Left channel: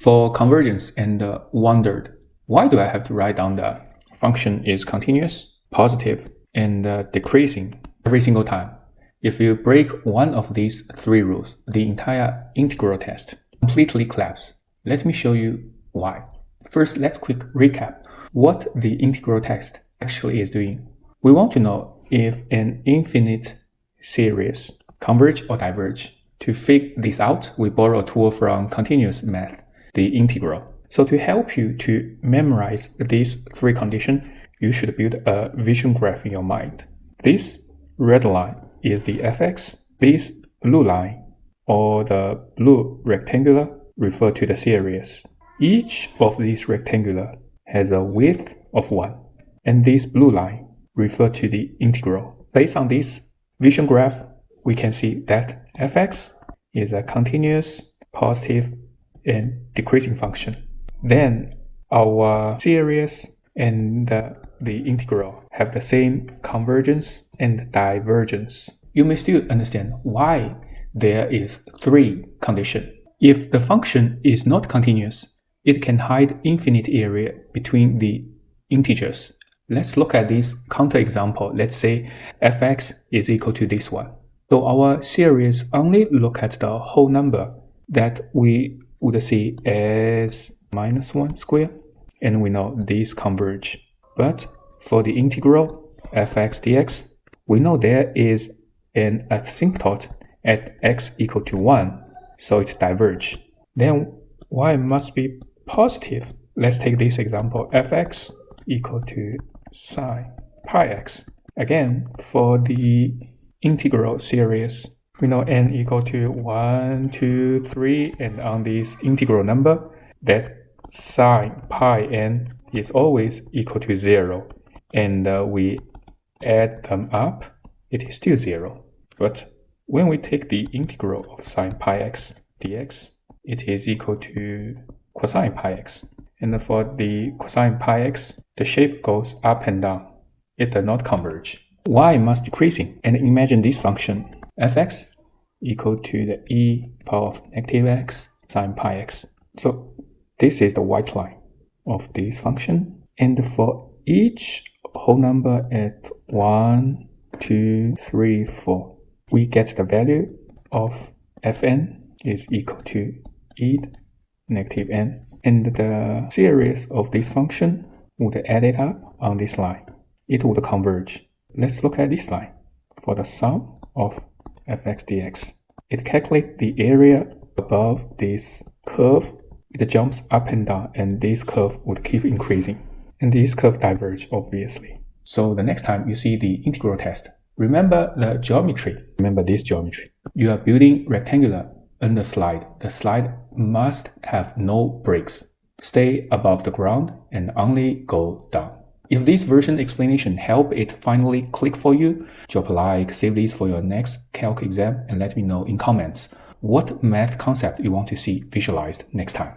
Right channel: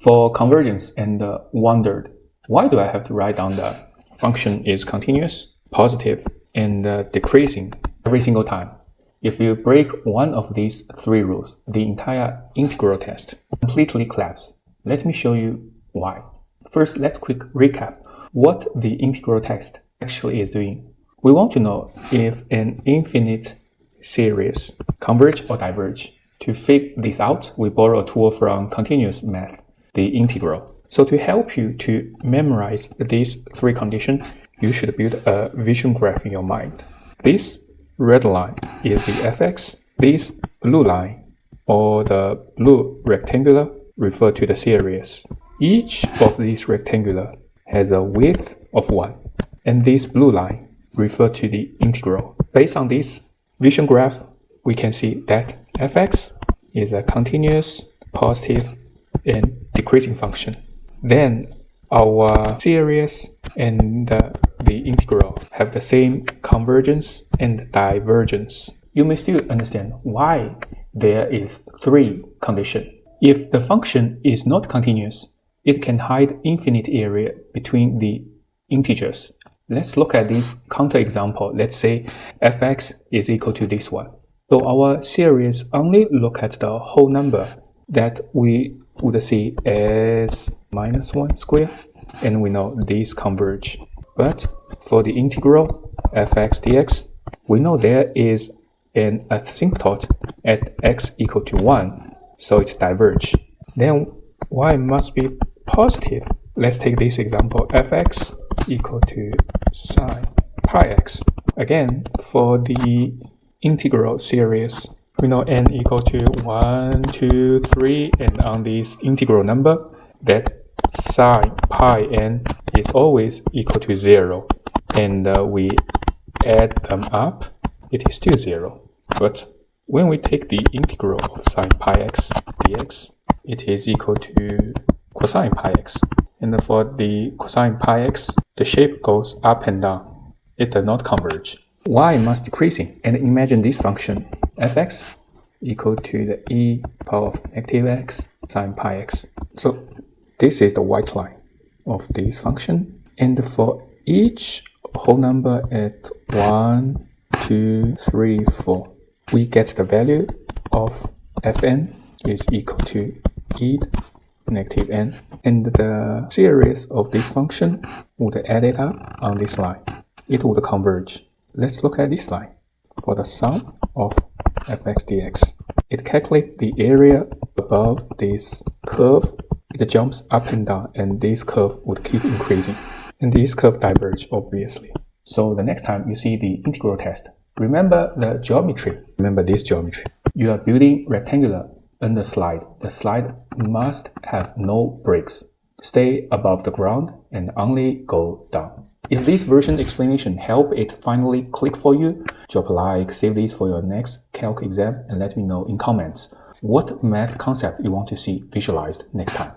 For convergence and wondered, why do I have to write down the function is continuous, positive, and decreasing every single time? If you break one of these three rules, the entire integral test completely collapses. Let me show you why. First, let's quick recap what the integral test actually is doing. We want to know if an infinite series converge or diverge. To figure this out, we borrow a tool from continuous math, the integral. So to help you to memorize these three conditions, you should build a vision graph in your mind. This red line is the fx, this blue line, or the blue rectangular, refer to the series. Each of these rectangular has a width of 1, and this blue line refer to the integral. Based on this vision graph, we can see that fx is a continuous, positive, and decreasing function. Then our series and the integral have the same convergence and divergence. You may still understand why there is three conditions. If the function is not continuous, it can hide infinite area between the integers. Let's look at this counterexample. Let's say fx is equal to this one. So our series only look at the whole number that we would see as -1 squared, and we know these converge. But for the integral fx dx, we know there is an asymptote at x equal to 1, so it diverges. Then y must be positive. Let's take this example, fx equal to sine pi x. Again, for the integral series, we know n equal to 1, 2, 3, and on this integral number, that sine pi n is always equal to 0. And we add them up, it is still 0. But when we take the integral of sine pi x dx, it is equal to cosine pi x. And for the cosine pi x, the shape goes up and down. It does not converge. Y must decreasing. And imagine this function, fx equal to the e power of negative x sine pi x. So this is the white line of this function. And for each whole number at 1, 2, 3, 4, we get the value of fn is equal to e negative n. And the series of this function would add it up on this line. It would converge. Let's look at this line. For the sum of fx dx, it calculates the area above this curve. It jumps up and down, and this curve would keep increasing. And this curve diverges, obviously. So the next time you see the integral test, remember the geometry. Remember this geometry. You are building rectangular on the slide. The slide must have no breaks. Stay above the ground and only go down. If this version explanation helped it finally click for you, drop a like, save this for your next calc exam, and let me know in comments what math concept you want to see visualized next time.